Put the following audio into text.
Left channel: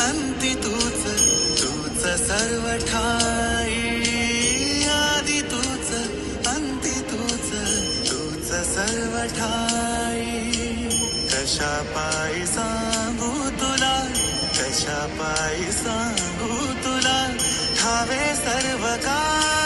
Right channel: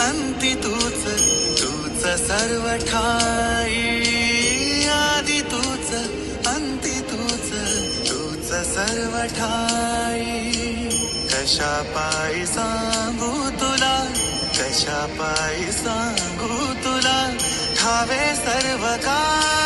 अंती तूच तूच सर्व ठाई आधी तूच अंती तूच तूच सर्व ठाई कशा पायी सांगू तुला कशा पायी सांगू तुला ठावे सर्व काय